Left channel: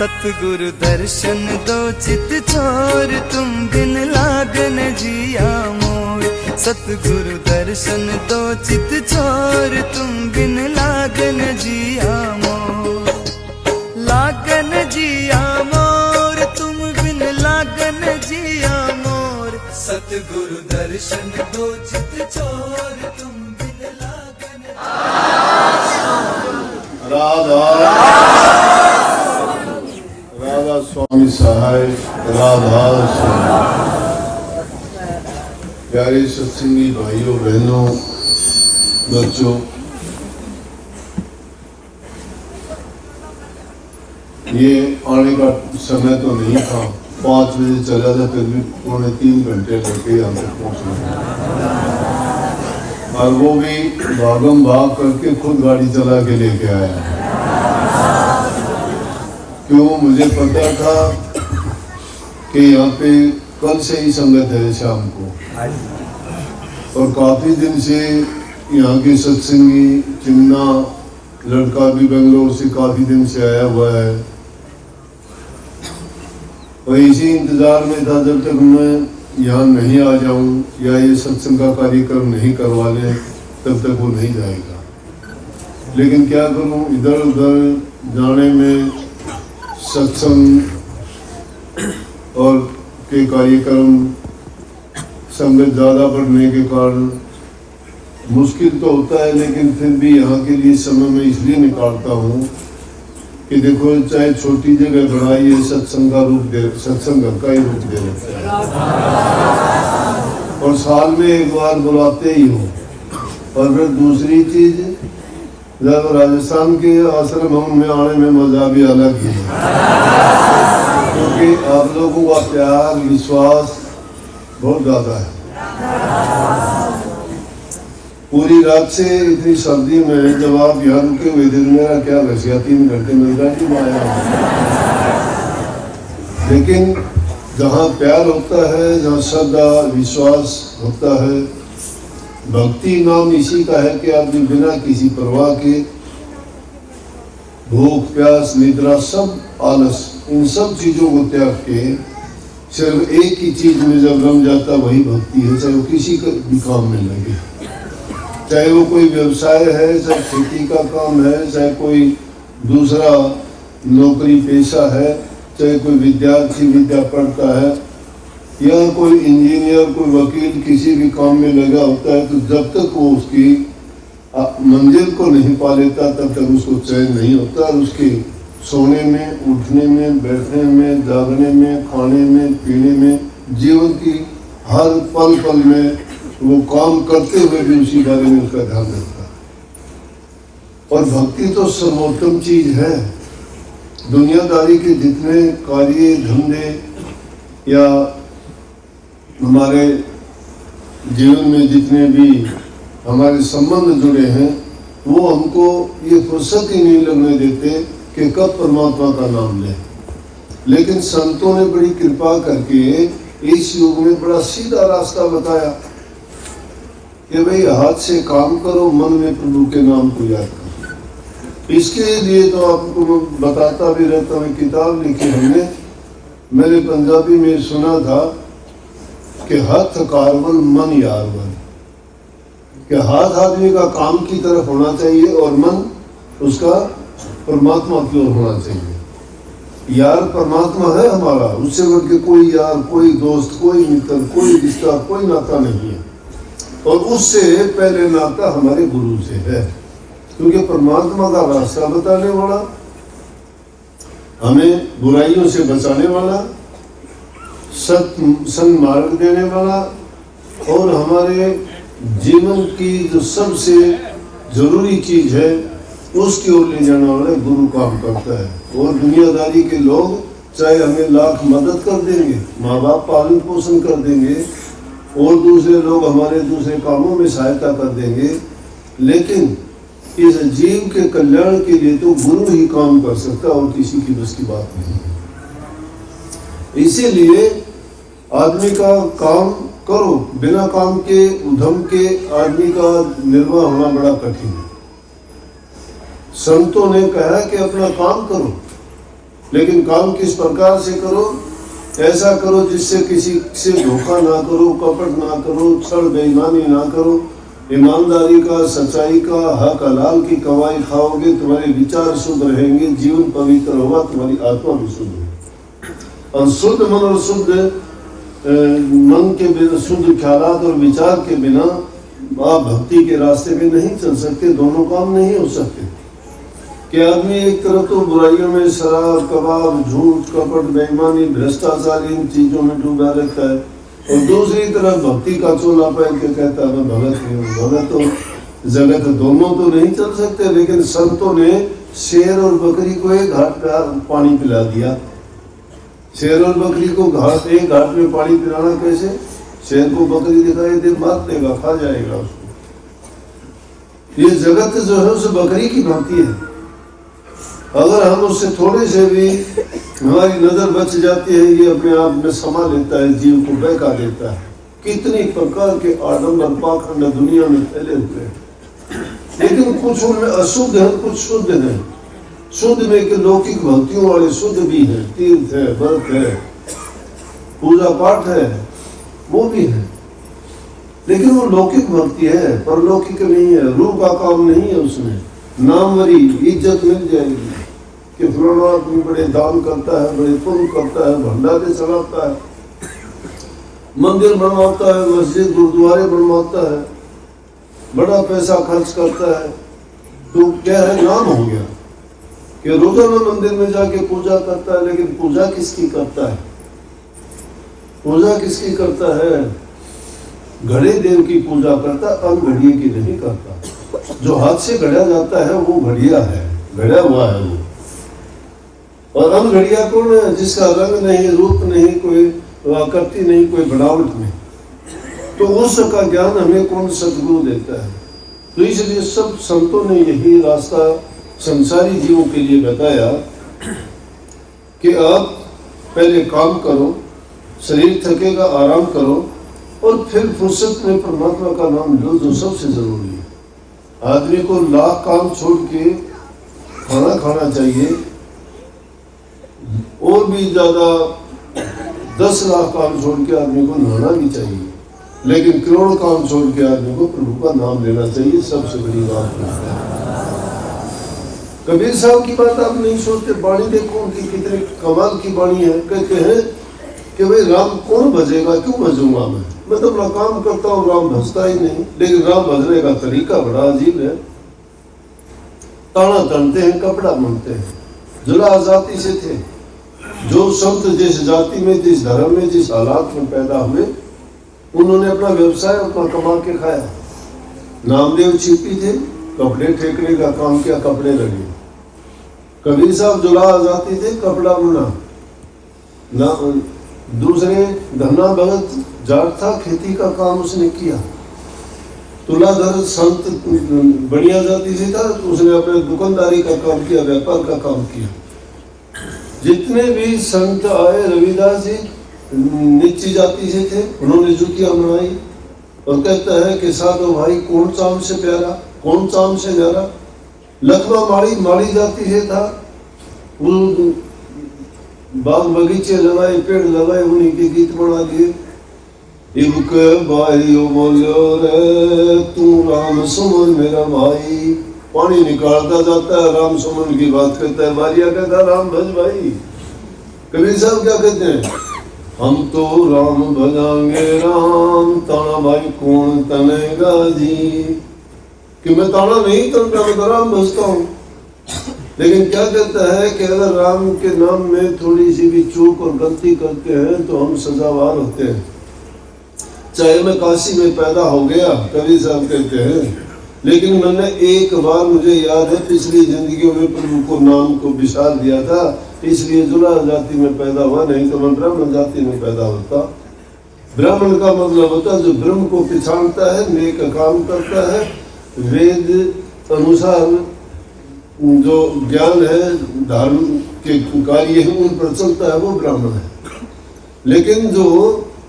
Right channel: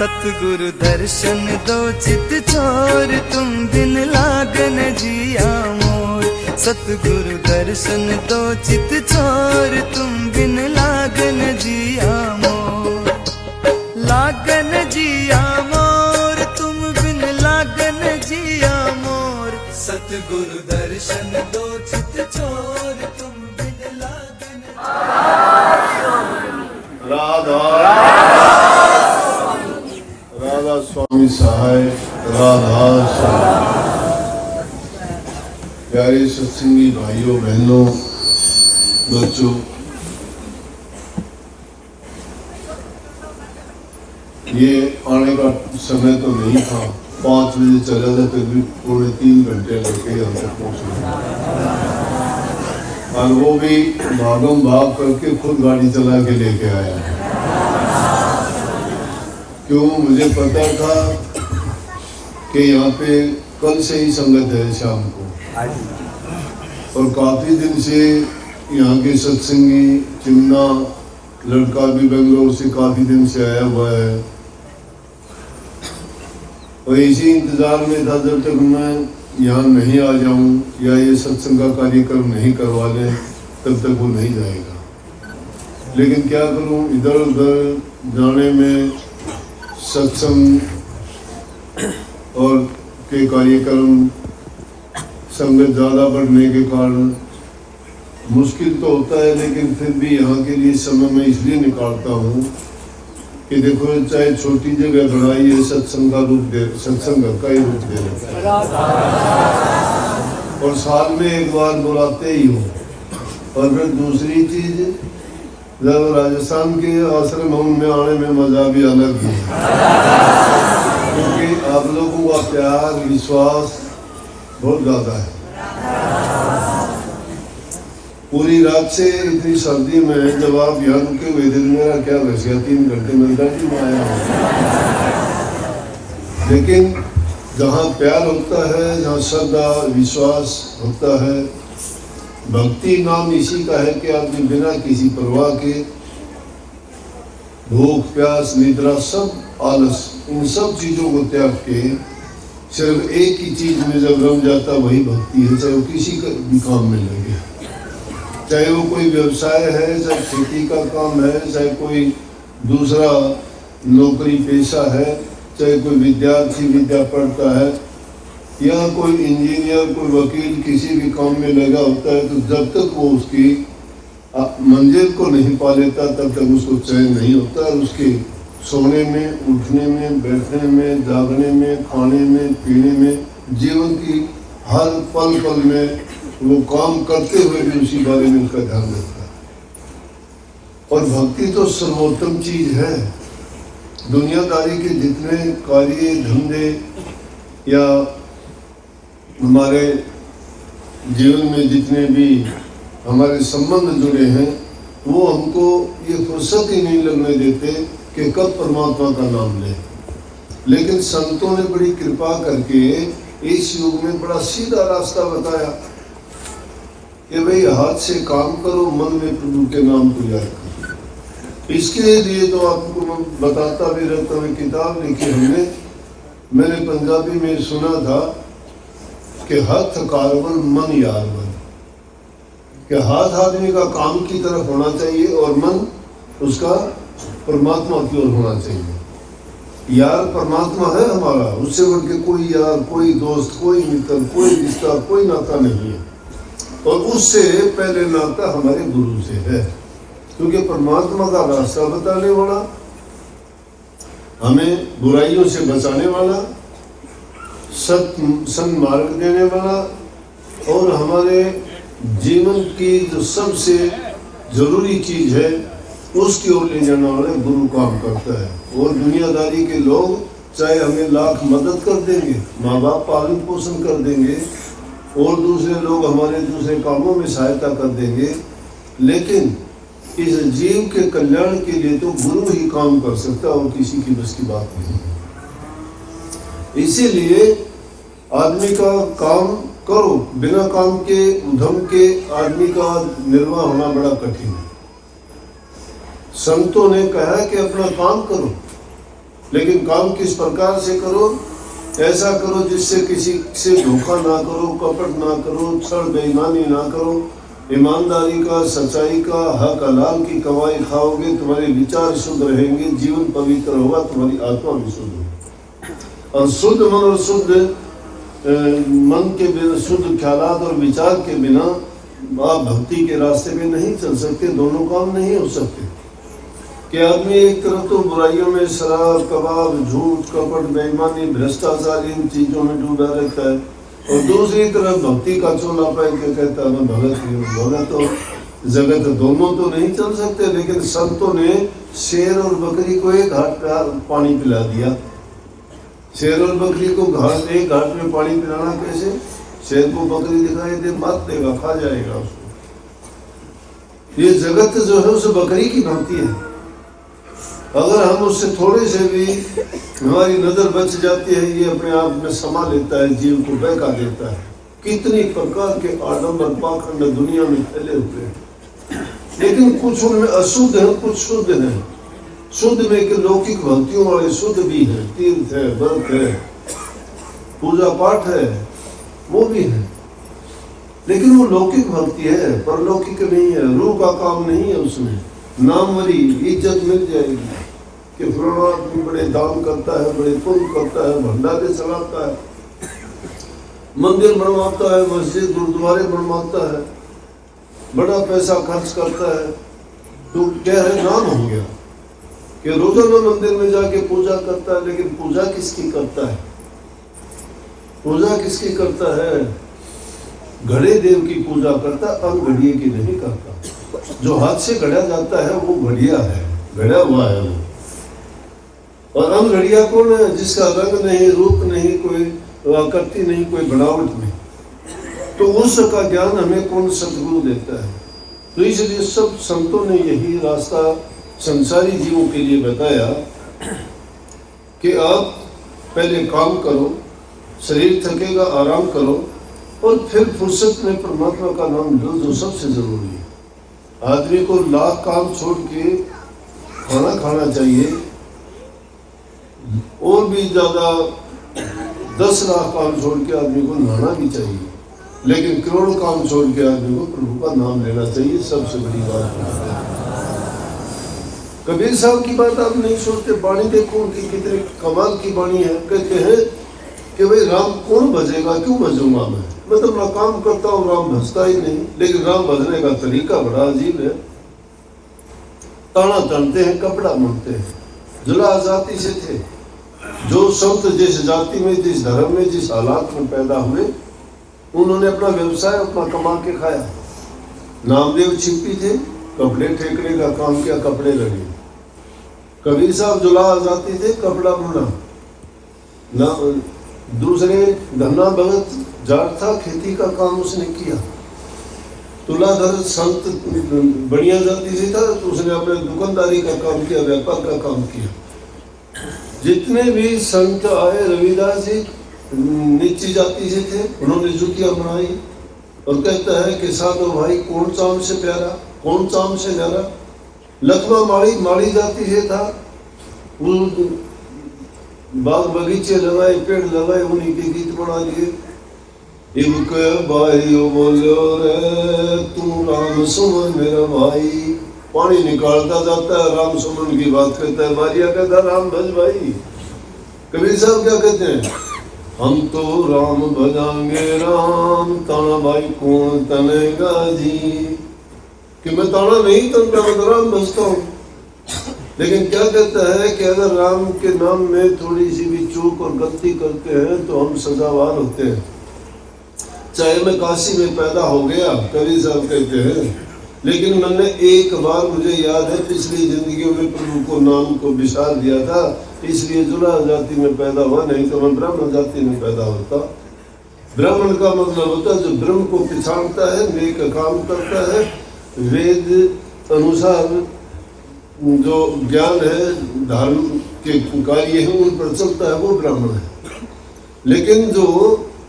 सतगुरु दर्शन दो चित चोर तुम बिन लागन जिया मोर। सतगुरु दर्शन दो चित चोर तुम बिन लागन जिया मोर। लागन जिया मोर तुम बिन लागन जिया मोर। सतगुरु दर्शन दो चित चोर तुम बिन लागन। राधा राधा स्वामी सहाय राधा स्वामी। प्यारे सत्संगी भाइयों बहनों बच्चों, ये आने का समय तो नहीं था, 5 बजे चला था, फिर भी 2.5 घंटे लगे यहाँ तक पहुँचने, और वो भी भागम भाग करके खुद गाड़ी चला के लेके आया। क्यों? मुझे पता था कि यहाँ पे कल से ही संगत है शाम को, और काफी दिन से यहाँ के सत्संगी चिमना लड़का भी बेंगलोर से काफी दिन से आया हुआ है, और इसी इंतजार में था जब तक मैं यहाँ नहीं आ जाऊं या ये सत्संग का कार्यक्रम नहीं करवा लें तब तक वो नहीं जाएगा। लेकिन क्या करूं, इधर उधर जाने में सत्संग और के कार्यक्रम संगत ज्यादा बढ़ने के कारण मुश्किल तो होता है, लेकिन फिर भी यहाँ के लिए समय मैं इसलिए निकालता हूँ कि देखो चाहे छोटी जगह बनाई है, सत्संग का रूप दे, सत्संग का ही रूप दे रखा है, और साल में एक बार बुलाते ही हो। और फिर दूसरी चीज, जब राजस्थान के आश्रम में आने में मजा भी अलग है, क्योंकि आप लोगों का प्यार विश्वास बहुत ज्यादा है। पूरी रात से इतनी सर्दी में जब आप यहाँ रुके हुए थे, मेरा क्या रह गया, 3 घंटे मिलता जी आया। लेकिन जहाँ प्यार होता है, जहाँ श्रद्धा विश्वास होता है, भक्ति नाम इसी का है कि आदमी बिना किसी परवाह के भूख प्यास निद्रा सब आलस इन सब चीजों को त्याग के सिर्फ एक ही चीज में जब रम जाता वही भक्ति है। चाहे वो किसी का भी काम में लगे, चाहे वो कोई व्यवसाय है, चाहे खेती का काम है, चाहे कोई दूसरा नौकरी पेशा है, चाहे कोई विद्यार्थी विद्या पढ़ता है, या कोई इंजीनियर कोई वकील किसी भी काम में लगा होता है, तो जब तक वो उसकी मंजिल को नहीं पा लेता तब तक उसको चैन नहीं होता, और उसके सोने में उठने में बैठने में जागने में खाने में पीने में जीवन की हर पल पल में वो काम करते हुए भी उसी बारे में उसका ध्यान रखता है। और भक्ति तो सर्वोत्तम चीज है। दुनियादारी के जितने कार्य धंधे या हमारे जीवन में जितने भी हमारे संबंध जुड़े हैं, वो हमको ये फुर्सत ही नहीं लगने देते कि कब परमात्मा का नाम लें। लेकिन संतों ने बड़ी कृपा करके इस युग में बड़ा सीधा रास्ता बताया कि भाई हाथ से काम करो, मन में प्रभु के नाम को याद करो। इसके लिए तो आपको मैं बताता भी रहता हूँ, किताब लिखी हमने, मैंने पंजाबी में सुना था कि हथ कारवन मन यारवन, कि हाथ आदमी का काम की तरफ होना चाहिए और मन उसका परमात्मा की ओर होना चाहिए। यार परमात्मा है हमारा, उससे बढ़ के कोई यार, कोई दोस्त, कोई मित्र, कोई रिश्ता, कोई नाता नहीं है। और उससे पहले नाता हमारे गुरु से है, क्योंकि परमात्मा का रास्ता बताने वाला, हमें बुराइयों से बचाने वाला, सन्मार्ग देने वाला, और हमारे जीवन की जो सबसे जरूरी चीज है उसकी ओर ले जाने वाला गुरु काम करता है। और दुनियादारी के लोग चाहे हमें लाख मदद कर देंगे, माँ बाप पालन पोषण कर देंगे, और दूसरे लोग हमारे दूसरे कामों में सहायता कर देंगे, लेकिन इस जीव के कल्याण के लिए तो गुरु ही काम कर सकता और किसी की बस की बात नहीं है। इसीलिए आदमी का काम करो, बिना काम के उद्यम के आदमी का निर्वाह होना बड़ा कठिन है। संतों ने कहा कि अपना काम करो, लेकिन काम किस प्रकार से करो? ऐसा करो जिससे किसी से धोखा ना करो, कपट ना करो, छल बेईमानी ना करो, ईमानदारी का, सच्चाई का, हक हलाल की कमाई खाओगे, तुम्हारे विचार शुद्ध रहेंगे, जीवन पवित्र होगा, तुम्हारी आत्मा भी शुद्ध होगी। और शुद्ध मन और शुद्ध मन के बिना, शुद्ध ख्यालात और विचार के बिना आप भक्ति के रास्ते में नहीं चल सकते। दोनों काम नहीं हो सकते कि आदमी एक तरफ तो बुराइयों में शराब, कबाब, झूठ, कपट, बेईमानी, भ्रष्टाचार इन चीजों में डूबा रहता है, और दूसरी तरफ भक्ति का चोला पहन के कहता है मैं भगत नहीं हूँ। भगत तो जगत दोनों तो नहीं चल सकते। लेकिन संतों ने शेर और बकरी को एक घाट पे पानी पिला दिया। शेर और बकरी को एक घाट में पानी पिलाना कैसे? शेर को बकरी दिखाई दे, मार देगा, खा जाएगा उसको। ये जगत जो है उस बकरी की भांति है। अगर हम उससे थोड़े से भी हमारी नजर बच जाती है, ये अपने आप में समा लेता है, जीव को बहका देता है। कितनी प्रकार के आडंबर पाखंड दुनिया में फैले हुए हैं, लेकिन कुछ उनमें अशुद्ध है, कुछ शुद्ध है। शुद्ध में के लौकिक भक्तियों वाले शुद्ध भी है, तीर्थ है, व्रत है, पूजा पाठ है, वो भी है, लेकिन वो लौकिक भक्ति है, परलौकिक नहीं है। रूह का काम नहीं है उसमें। नामवरी इज्जत मिल जाएगी कि फलाना आदमी बड़े दान करता है, बड़े पुण्य करता है, भंडारे चलाता है, मंदिर बनवाता है, मस्जिद गुरुद्वारे बनवाता है, बड़ा पैसा खर्च करता है। तो क्या है? नाम हो गया कि रोजाना मंदिर में जाके पूजा करता है। लेकिन पूजा किसकी करता है? पूजा किसकी करता है? घड़े देव की पूजा करता, अनघड़िए की नहीं करता। जो हाथ से गढ़ा जाता है वो घड़िया है, गढ़ा हुआ है वो। और अनघड़िया कौन है? जिसका रंग नहीं, रूप नहीं, कोई आकृति नहीं, कोई बनावट नहीं। तो उसका ज्ञान हमें कौन सदगुरु देता है? तो इसलिए सब संतों ने यही रास्ता संसारी जीवों के लिए बताया कि आप पहले काम करो, शरीर थकेगा आराम करो, और फिर फुर्सत में परमात्मा का नाम लो, जो सबसे जरूरी है। आदमी को लाख काम छोड़ के खाना खाना चाहिए, और भी ज्यादा 10 लाख काम छोड़ के आदमी को नहाना भी चाहिए, लेकिन करोड़ काम छोड़ के आदमी को प्रभु का नाम लेना चाहिए। सबसे बड़ी बात है। कबीर साहब की बात आप नहीं सोचते? बाणी देखो उनकी, कितनी कमाल की बाणी है। कहते हैं कि भाई राम कौन भजेगा, क्यों भजूंगा मैं तो अपना काम करता हूँ, राम भजता ही नहीं। लेकिन राम भजने का तरीका बड़ा अजीब है। ताना तनते हैं, कपड़ा बुनते हैं। जुला जाति से थे। जो संत जिस जाति में, जिस धर्म में, जिस हालात में पैदा हुए, उन्होंने अपना व्यवसाय अपना कमा के खाया। नामदेव छिपी थे, कपड़े ठेकने का काम किया, कपड़े लगे। कबीर साहब जुला जाति थे, कपड़ा बुना। दूसरे धन्ना भगत जाट था, खेती का काम उसने किया। तुलाधर संत बढ़िया जाति से था, तो उसने अपने दुकानदारी का काम किया, व्यापार का काम किया। जितने भी संत आए, रविदास जी नीची जाति से थे, उन्होंने जुतियां बनाई। और कहता है कि साधो भाई कौन चाम से प्यारा, कौन चाम से न्यारा। लखमा माड़ी जाति से था, वो बाग बगीचे लगाए, पेड़ लगाए, उन्हीं के गीत बना लिए। इबक भाइयों बोलो रे तू राम सुमन मेरा भाई। पानी निकालता जाता है, राम सुमन की बात करता है। बारिया कहता राम भज भाई। कबीर साहब क्या कहते हैं? हम तो राम भजांगे राम, ताना भाई कौन तनेगा जी। कि मैं ताना नहीं तनता, मैं तो राम भजता हूँ। लेकिन क्या कहता है कि अगर राम के नाम में थोड़ी सी भी चूक और गलती करते हैं तो हम सजावार होते हैं। चाहे मैं काशी में पैदा हो गया, कबीर साहब कहते हैं, लेकिन मैंने एक बार, मुझे याद है, पिछली जिंदगियों में प्रभु को नाम को विशाल दिया था, इसलिए जुला जाति में पैदा हुआ, नहीं तो मैं ब्राह्मण जाति में पैदा होता। ब्राह्मण का मतलब होता है जो ब्रह्म को पहचानता है, नेक काम करता है, वेद अनुसार जो ज्ञान है, धर्म के कार्य है, उन पर चलता है, वो ब्राह्मण है। लेकिन जो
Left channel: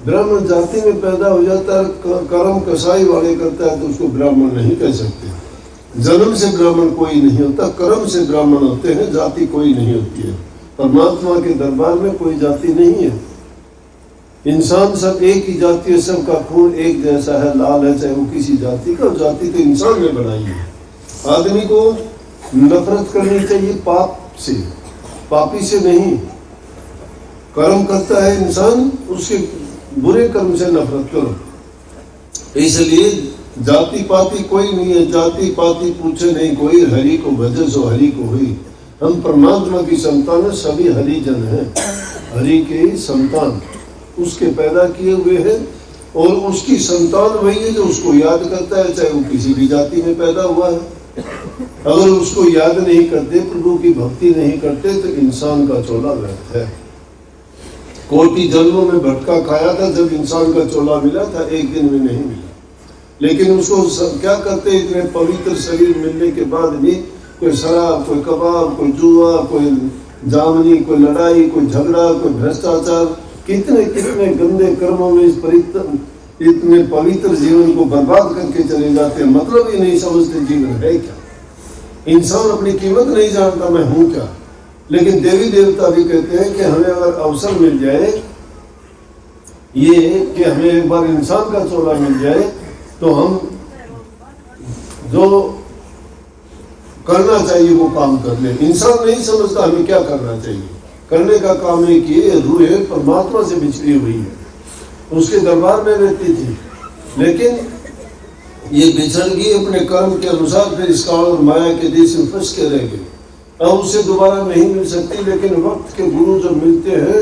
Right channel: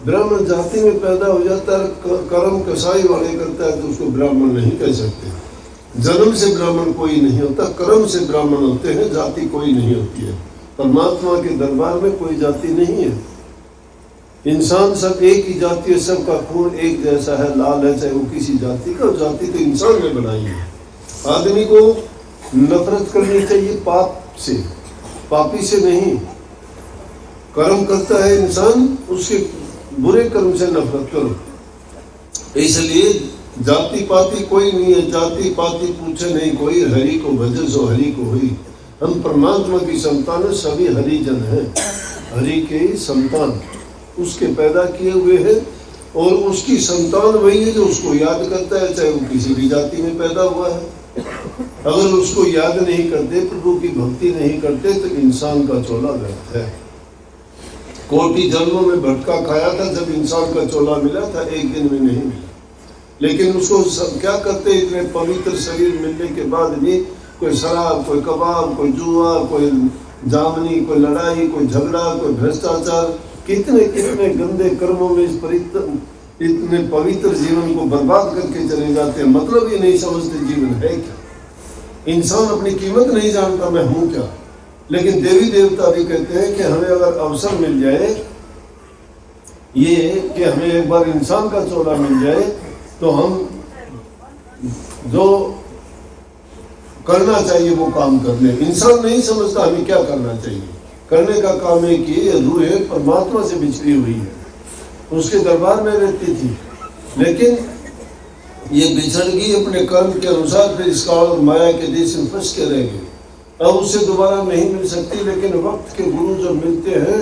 ब्राह्मण जाति में पैदा हो जाता है, कर्म कसाई वाले करता है, तो उसको ब्राह्मण नहीं कह सकते। जन्म से ब्राह्मण कोई नहीं होता, कर्म से ब्राह्मण होते हैं, जाति कोई नहीं होती है। परमात्मा के दरबार में कोई जाति नहीं है। इंसान सब एक ही जाति है, सबका खून एक जैसा है, लाल है, चाहे वो किसी जाति का। जाति तो इंसान ने बनाई है। आदमी को नफरत करनी चाहिए पाप से, पापी से नहीं। कर्म करता है इंसान, उसके बुरे कर्म से नफरत करो। इसलिए जाति पाति कोई नहीं है, जाति पाति पूछे नहीं कोई, हरि को भजे सो हरि को हुई। हम परमात्मा की संतान है, सभी हरिजन हैं, हरि के संतान, उसके पैदा किए हुए हैं, और उसकी संतान वही है जो उसको याद करता है, चाहे वो किसी भी जाति में पैदा हुआ है। अगर उसको याद नहीं करते, प्रभु की भक्ति नहीं करते, तो इंसान का चोला व्यर्थ है। कोटि जन्मों में भटका खाया था, जब इंसान का चोला मिला था, एक दिन में नहीं मिला। लेकिन उसको क्या करते, इतने पवित्र शरीर मिलने के बाद भी कोई शराब, कोई कबाब, कोई जुआ, कोई जामनी, कोई लड़ाई, कोई झगड़ा, कोई भ्रष्टाचार, कितने कितने गंदे कर्मों में इतने पवित्र जीवन को बर्बाद करके चले जाते हैं। मतलब ही नहीं समझते जीवन है क्या। इंसान अपनी कीमत नहीं जानता, मैं हूं क्या। लेकिन देवी देवता भी कहते हैं कि हमें अगर अवसर मिल जाए, ये कि हमें एक बार इंसान का चोला मिल जाए, तो हम जो करना चाहिए वो काम कर ले। इंसान नहीं समझता हमें क्या करना चाहिए। करने का काम है कि रूह परमात्मा से बिछड़ी हुई है, उसके दरबार में रहती थी, लेकिन ये बिछड़ गई अपने कर्म के अनुसार, फिर इस काल और माया के देश में फंस के रह गई। अब उससे दोबारा नहीं मिल सकती। लेकिन वक्त के गुरु जब मिलते हैं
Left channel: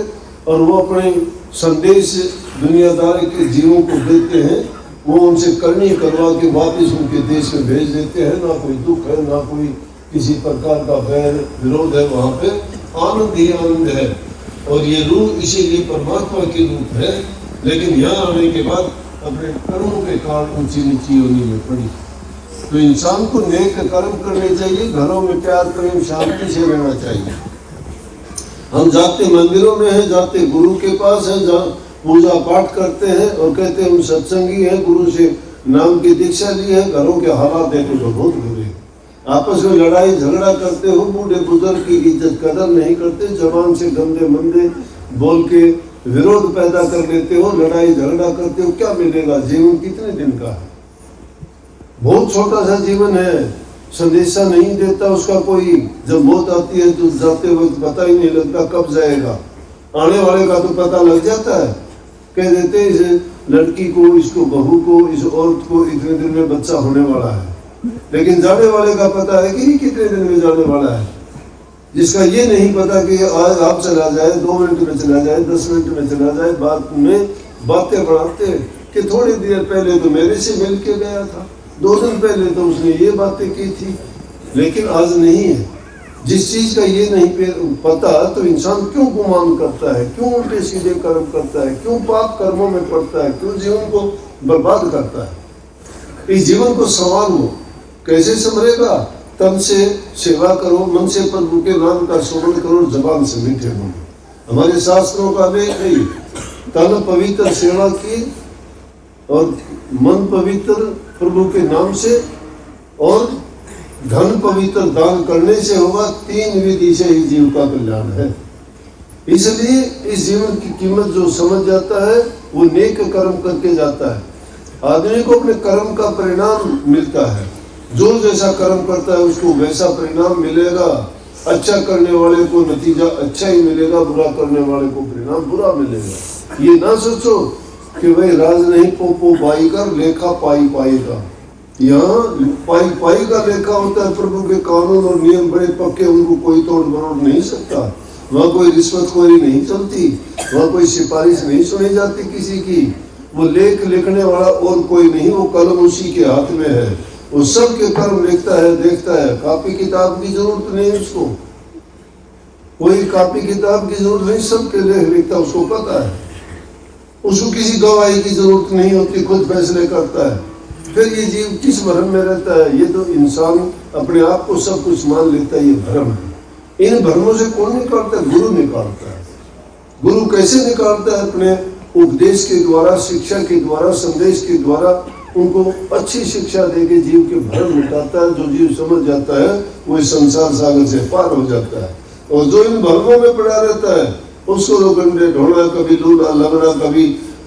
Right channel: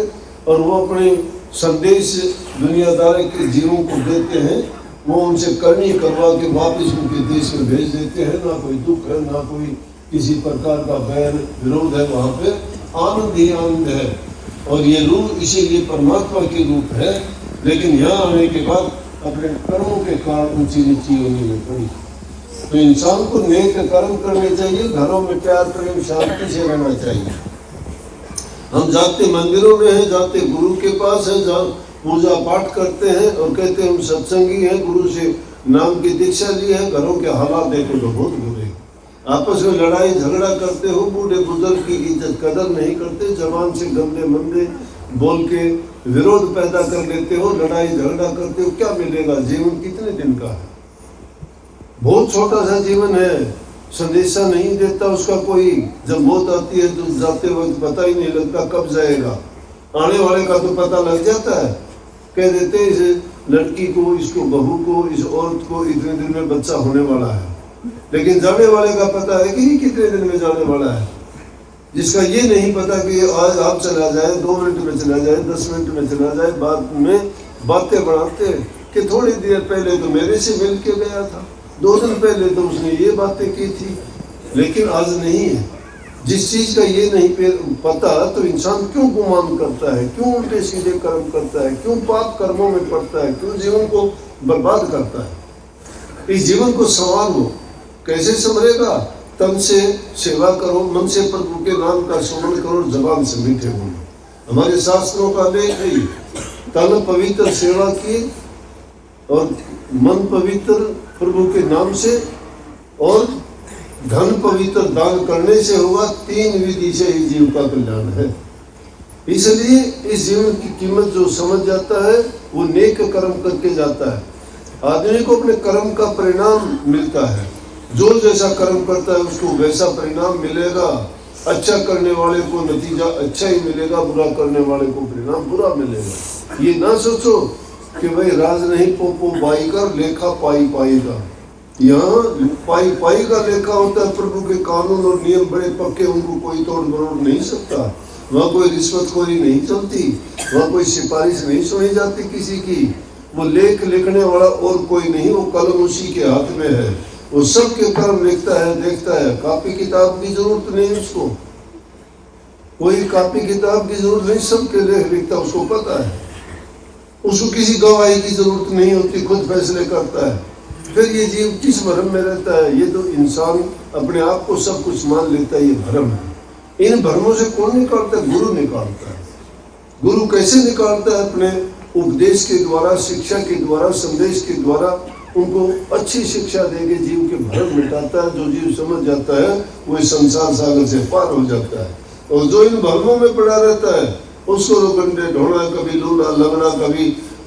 और वो अपने संदेश दुनियादारी के जीवों को देते हैं, वो उनसे करनी करवा के वापस उनके देश में भेज देते हैं। ना कोई दुख है, ना कोई किसी प्रकार का बैर विरोध है, वहाँ पे आनंद ही आनंद है। और ये रूह इसीलिए परमात्मा के रूप है। लेकिन यहाँ आने के बाद अपने कर्मों के कारण ऊंची नीची होने में पड़ी। तो इंसान को नेक कर्म करने चाहिए, घरों में प्यार प्रेम शांति से रहना चाहिए। हम जाते मंदिरों में हैं, जाते गुरु के पास है, पूजा पाठ करते हैं और कहते हैं हम सत्संगी हैं, गुरु से नाम की दीक्षा ली है। घरों के हालात देखो तो बहुत बुरे, आपस में लड़ाई झगड़ा करते हो, बूढ़े बुजुर्ग की इज्जत कदर नहीं करते, जबान से गंदे मंदे बोल के विरोध पैदा कर लेते हो, लड़ाई झगड़ा करते हो। क्या मिलेगा? जीवन कितने दिन का है? बहुत छोटा सा जीवन है, संदेशा नहीं देता उसका कोई। जब मौत आती है तो जाते वक्त पता ही नहीं लगता कब जाएगा। आने वाले का तो पता लग जाता है, कह देते हैं इस लड़की को, इसको बहू को, इस औरत को इतने दिन में बच्चा होने वाला है। लेकिन जाने वाले का पता है कि ये कितने दिन में जाने वाला है। जिसका ये नहीं पता कि आज आप चला जाए, 2 मिनट में चला जाए, 10 मिनट में चला जाए। बाद में बातें बढ़ाते कि थोड़ी देर पहले तो मेरे से मिल के गया था, 2 दिन पहले तो उसने ये बातें की थी, लेकिन आज नहीं है। जिस चीज का ये नहीं पता, तो इंसान क्यों गुमान करता है, क्यों उल्टे सीधे कर्म करता है, क्यों पाप कर्मों में पड़ता है, क्यों जीवन को बर्बाद करता है। इस जीवन को संवारो। कैसे संवरेगा? तन से सेवा करो, मन से प्रभु के नाम का स्मरण करो, जबान से मीठे बोलो। हमारे शास्त्रों का लेख है, तन पवित्र सेवा की और मन पवित्र प्रभु के नाम से, और धन पवित्र दान करने से होगा। 3 विधि से ही जीव का कल्याण है। इसलिए इस जीवन की कीमत जो समझ जाता है वो नेक कर्म करके जाता है। आदमी को अपने कर्म का परिणाम मिलता है। जो जैसा कर्म करता है उसको वैसा परिणाम मिलेगा। अच्छा करने वाले को नतीजा अच्छा ही मिलेगा, बुरा करने वाले को परिणाम बुरा मिलेगा। ये ना सोचो कि भाई राज नहीं पोपो बाई का लेखा पाई पाएगा। यहाँ पाई पाई का लेखा होता है। प्रभु के कानून और नियम बड़े पक्के, उनको कोई तोड़ मरोड़ नहीं सकता। वहाँ कोई रिश्वतखोरी नहीं चलती, वहाँ कोई सिफारिश नहीं सुनी जाती किसी की। वो लेख लिखने वाला और कोई नहीं, वो कलम उसी के हाथ में है। वो सबके कर्म लिखता है, देखता है। कॉपी किताब की जरूरत नहीं उसको, कोई कॉपी किताब की जरूरत नहीं, सबके लेख लिखता है, उसको पता है। उसको किसी गवाही की जरूरत नहीं होती, खुद फैसले करता है। फिर ये जीव किस भ्रम में रहता है? ये तो इंसान अपने आप को सब कुछ मान लेता है, ये भ्रम है। इन भ्रमों से कौन निकालता है? गुरु निकालता है। गुरु कैसे निकालता है? अपने उपदेश के द्वारा, शिक्षा के द्वारा, संदेश के द्वारा उनको अच्छी शिक्षा देके जीव के भ्रम मिटाता है। जो जीव समझ जाता है वो इस संसार सागर से पार हो जाता है। और जो इन भ्रमों में पड़ा रहता है उसको रोगंडे ढोना, कभी लूला लगना, कभी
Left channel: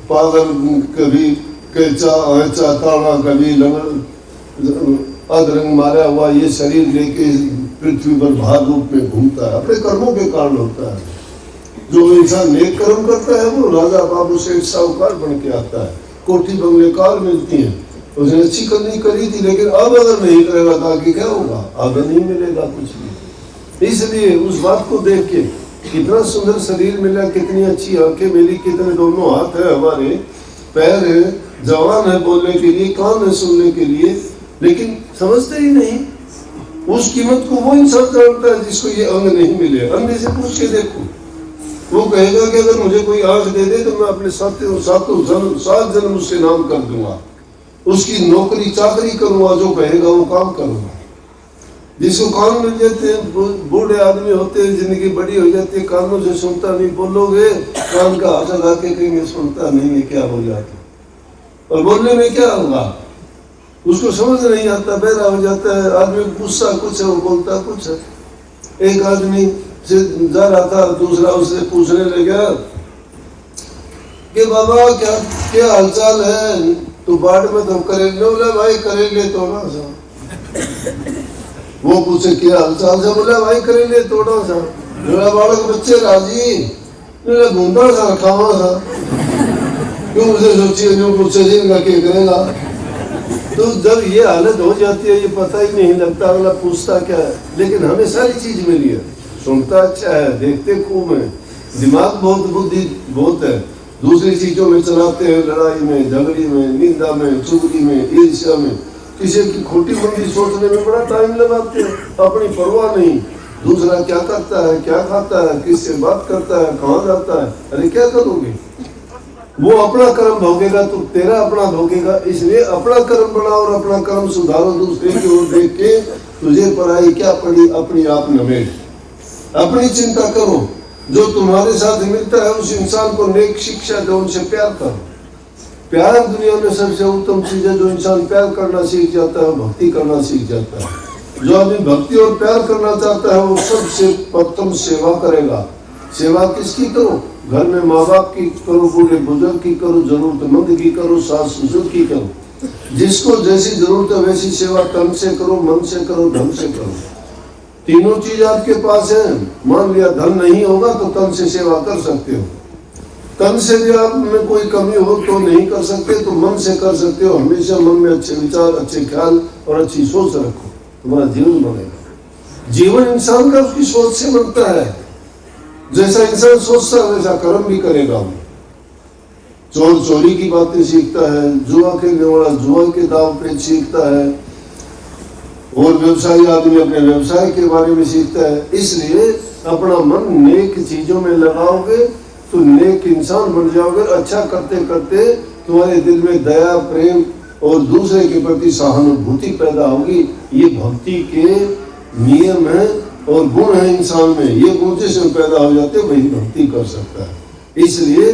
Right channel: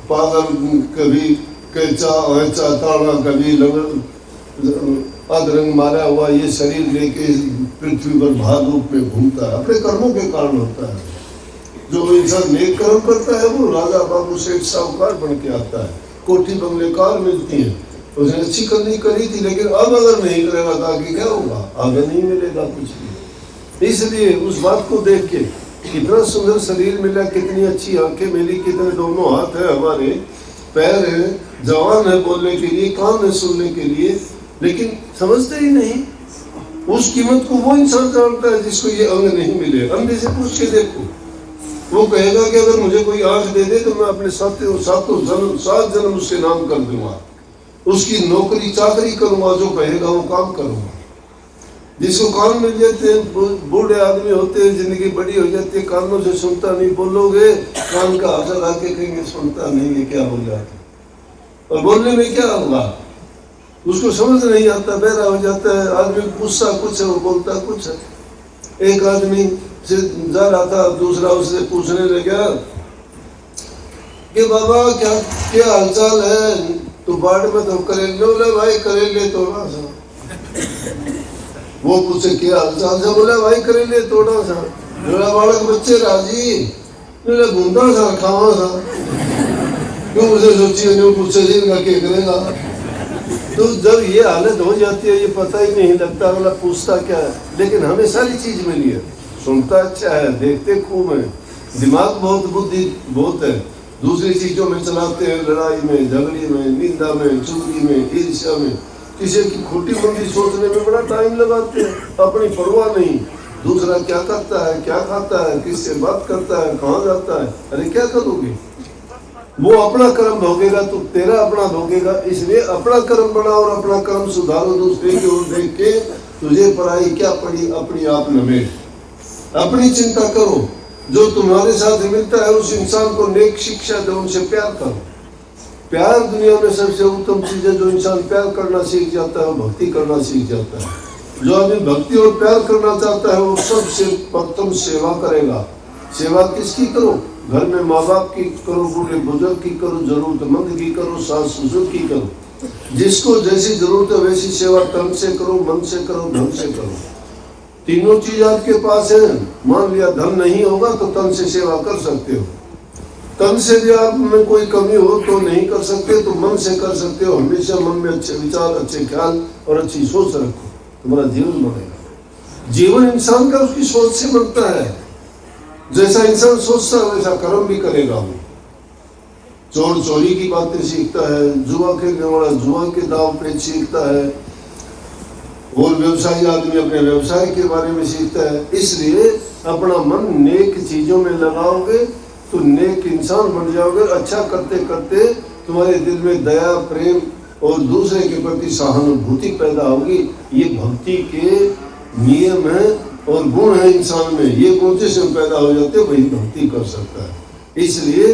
पागल, कभी कैचा ऐचा ताड़ा, कभी अधरंग मारा हुआ ये शरीर लेके पृथ्वी पर भार रूप में घूमता है। अपने कर्मों के कारण होता है। जो इंसान नेक कर्म करता है वो राजा बाबू सेठ साहूकार बन के आता है, कोठी बंगले कार मिलती है। उसने अच्छी करनी करी थी, लेकिन अब अगर नहीं करेगा तो आगे क्या होगा? आगे नहीं मिलेगा कुछ भी। इसलिए उस बात को देख के कितना सुंदर शरीर मिला, कितनी अच्छी आंखें मिली, कितने दोनों हाथ है हमारे, पैर है, जवान है बोलने के लिए, कान है सुनने के लिए, लेकिन समझते ही नहीं। उस कीमत को वो इंसान जानता है जिसको ये अंग नहीं मिले। अंधे से पूछ के देखो, वो कहेगा कि अगर मुझे कोई आंख दे दे तो मैं अपने 7 जन्म उसके नाम कर दूंगा, उसकी नौकरी चाकरी करूंगा, जो कहेगा वो काम करूंगा। जिसको कान मिल जाते हैं, बूढ़े आदमी होते हैं, जिंदगी बड़ी हो जाती है, कानों से सुनता नहीं, बोलोगे कान का हाथ लगा के कहेंगे सुनता नहीं है, क्या हो जाता। और बोलने में क्या होगा? उसको समझ नहीं आता, बहरा हो जाता है। आदमी पूछता कुछ है, वो बोलता कुछ है। एक आदमी से जा रहा था, दूसरा उससे पूछने लगा कि बाबा क्या हालचाल है? तो बाढ़ में तो करेले, बोला भाई करेले तोड़ा सा। वो पूछे क्या हालचाल से? बोला भाई करेले तोड़ा सा। बोला बालक बच्चे राजी, बोला घूमता सा रखावा सा। क्यों उसे सोचिए जो पूछे जिनका क्या करेगा। तो जब ये हालत हो जाती है, ये पता ही नहीं लगता अगला पूछता क्या है। लेकिन हमें सारी चीज मिली है, सुनता अच्छा है, देखते खूब है, दिमाग बहुत, बुद्धि बहुत है। दूसरी चीजों में चलाते हैं, लड़ाई में, झगड़े में, निंदा में, चुगली में, ईर्ष्या में, किसी की खोटी मंदी सोचने में बड़ा टाइम लगाते हैं। अपनी परवाह नहीं, दूसरा क्या करता है, क्या खाता है, किससे बात करता है, कहाँ जाता है। अरे क्या करोगे? वो अपना कर्म भोगेगा, तू तेरा अपना भोगेगा। इसलिए अपना कर्म बनाओ और अपना कर्म सुधारो। दूसरे की ओर देख के तुझे पराई क्या पड़ी, अपनी आप नमेट। अपनी चिंता करो। जो तुम्हारे साथ मिलता है उस इंसान को नेक शिक्षा दो, उनसे प्यार करो। प्यार दुनिया में सबसे उत्तम चीज है। जो इंसान प्यार करना सीख जाता है वो भक्ति करना सीख जाता है। जो आदमी भक्ति और प्यार करना चाहता है वो सबसे प्रथम सेवा करेगा। सेवा किसकी करो? घर में माँ बाप की करो, बूढ़े बुजुर्ग की करो, जरूरतमंद की करो, सास ससुर की करो। जिसको जैसी जरूरत है वैसी सेवा तन से करो, मन से करो, धन से करो। तीनों चीज आपके पास है। मान लिया धन नहीं होगा तो तन से सेवा कर सकते हो। तन से भी आप में कोई कमी हो तो नहीं कर सकते, तो मन से कर सकते हो। हमेशा मन में अच्छे विचार, अच्छे ख्याल और अच्छी सोच रखो, तुम्हारा जीवन बनेगा। जीवन इंसान का उसकी सोच से बनता है। जैसा इंसान सोचता है वैसा कर्म भी करेगा। वो चोर चोरी की बातें सीखता है, जुआ खेलने वाला जुआ के दाव पे सीखता है, और व्यवसायी आदमी अपने व्यवसाय के बारे में सीखता है। इसलिए अपना मन नेक चीजों में लगाओगे तो नेक इंसान बन जाओगे। अच्छा करते करते तुम्हारे दिल में दया, प्रेम और दूसरे के प्रति सहानुभूति पैदा होगी। ये भक्ति के नियम है और गुण है इंसान में। ये गुण जिसमें पैदा हो जाते हैं वही भक्ति कर सकता है। इसलिए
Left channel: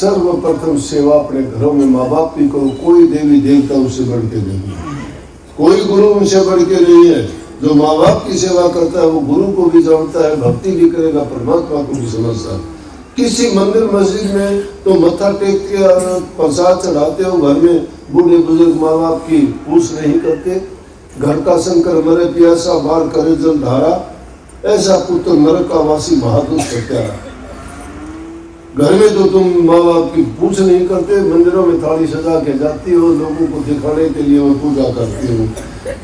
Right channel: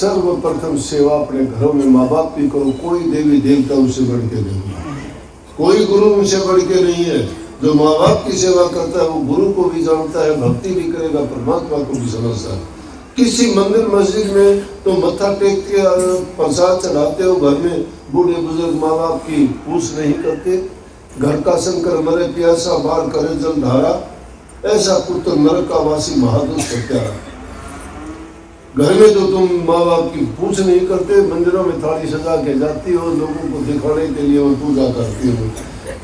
सर्वप्रथम सेवा अपने घरों में माँ बाप की करो। कोई देवी देवता उससे बढ़ के नहीं, कोई गुरु उनसे बढ़ के नहीं है। जो माँ बाप की सेवा करता है वो गुरु को भी जानता है, भक्ति भी करेगा, परमात्मा को भी समझता है। किसी मंदिर मस्जिद में तो मत्था टेक के प्रसाद चढ़ाते हो, घर में बूढ़े बुजुर्ग माँ बाप की पूछ नहीं करते। घर का शंकर मरे प्यासा, बार करे जल धारा, ऐसा पुत्र नरक का वासी महादुष्ट सत्यारा। घर में तो तुम माँ बाप की पूछ नहीं करते, मंदिरों में थाली सजा के जाती हो, लोगों को दिखाने के लिए और पूजा करते हो,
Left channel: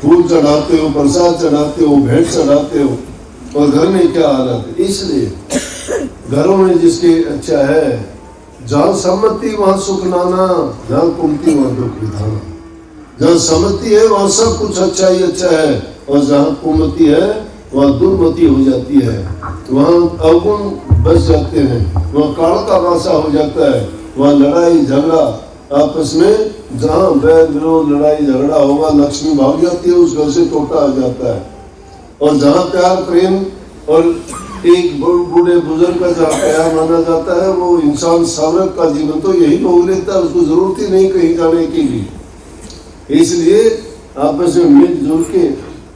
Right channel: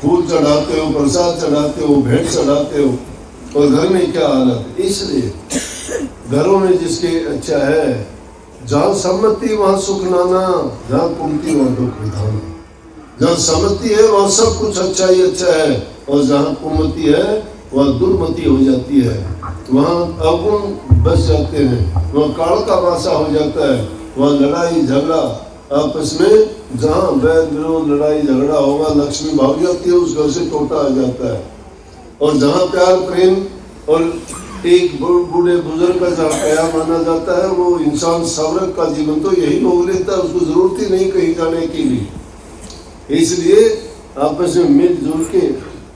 फूल चढ़ाते हो, प्रसाद चढ़ाते हो, भेंट चढ़ाते हो, और घर में क्या हालत है। इसलिए घरों में जिसके अच्छा है, जहाँ सम्मति वहाँ सुख नाना, जहाँ कुमति वहाँ दुख विधाना। जहाँ सम्मति है वहाँ सब कुछ अच्छा ही अच्छा है, और जहाँ कुमति है वहाँ दुर्मति हो जाती है, वहाँ अवगुण बच जाते हैं, वहाँ काल का वासा हो जाता है, वहाँ लड़ाई झगड़ा आपस में जहाँ वैर विरोध लड़ाई झगड़ा होगा लक्ष्मी भाग जाती है, उस घर से टोटा आ जाता है। और जहाँ प्यार प्रेम और एक बूढ़े बुजुर्ग का जहाँ प्यार माना जाता है, वो इंसान सावरक का जीवन तो यही भोग लेता है, उसको जरूरत ही नहीं कहीं जाने की भी। इसलिए आपस में मिलजुल के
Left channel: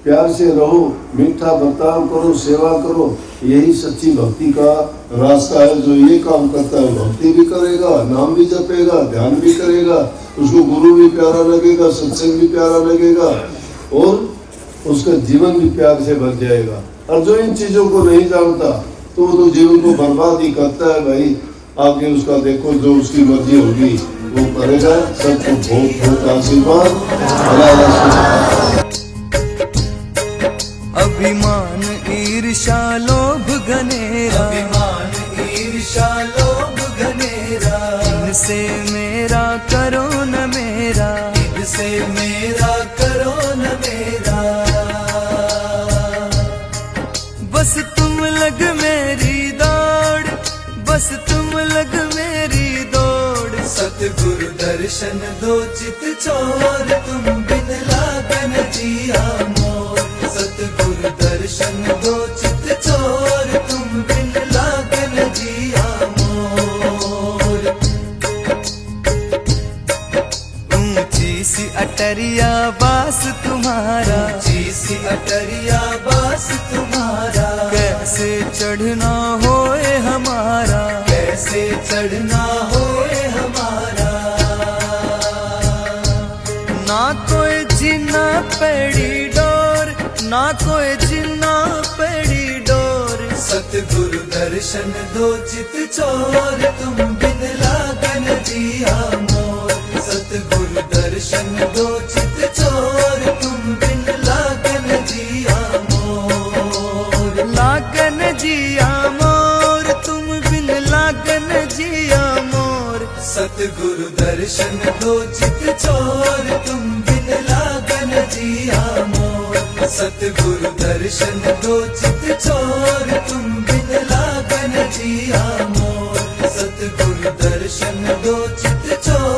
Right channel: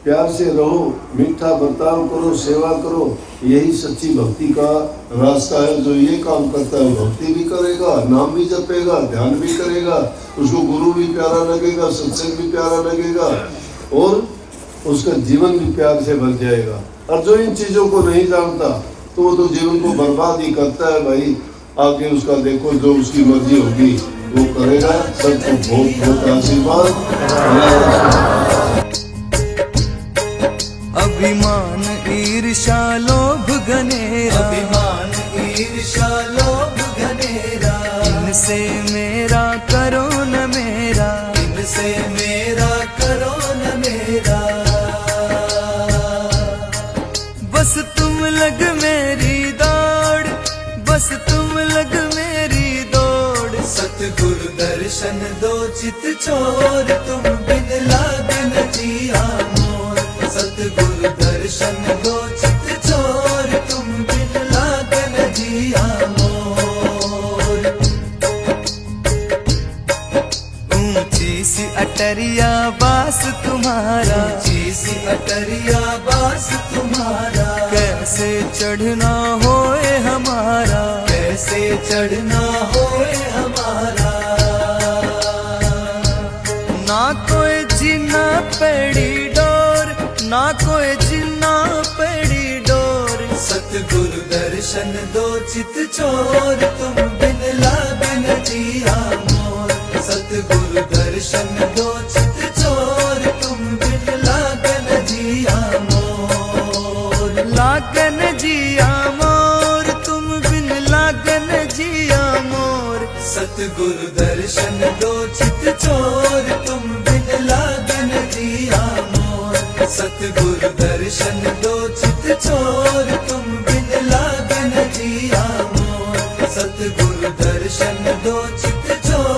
प्यार से रहो, मीठा बर्ताव करो, सेवा करो, यही सच्ची भक्ति का रास्ता है। जो ये काम करता है भक्ति भी करेगा, नाम भी जपेगा, ध्यान भी करेगा, उसको गुरु भी प्यारा लगेगा, सत्संग भी प्यारा लगेगा और उसका जीवन भी प्यार से भर जाएगा। और जो इन चीजों को नहीं जानता तो वो तो जीवन को बर्बाद ही करता है भाई। आगे उसका देखो, जो उसकी मर्जी होगी वो करेगा। सबको बहुत बहुत आशीर्वाद। अभिमान ईर्षा लोभ घनेरा, अभिमान ईर्षा लोभ घनेरा, इनसे मेरा करो न मेरा, इनसे मेरा करो न मेरा। बस तुम लग मेरी दौड़, बस तुम लग मेरी दौड़। सतगुरु दर्शन दो चित चोर, तुम बिन लागन जिया मोर। सतगुरु दर्शन दो चित चोर, तुम बिन लागन जिया मोर। ऊंची सी अटरिया बास तुम्हारा, ऊंची सी अटरिया बास तुम्हारा। कैसे चढ़ना होए हमारा, कैसे चढ़ना होए हमारा। ना कोई जिन्ना पेड़ी डोर, ना कोई जिन्ना पेड़ी डोर। सतगुरु दर्शन दो चित चोर, तुम बिन लागन जिया मोर। सतगुरु दर्शन दो चित चोर, तुम बिन लागन जिया मोर। लागन जिया मोर, तुम बिन लागन जिया मोर। सतगुरु दर्शन दो चित चोर, तुम बिन लागन जिया मोर। सतगुरु दर्शन दो चित चोर, तुम बिन लागन जिया मोर। सतगुरु दर्शन दो चित चोर।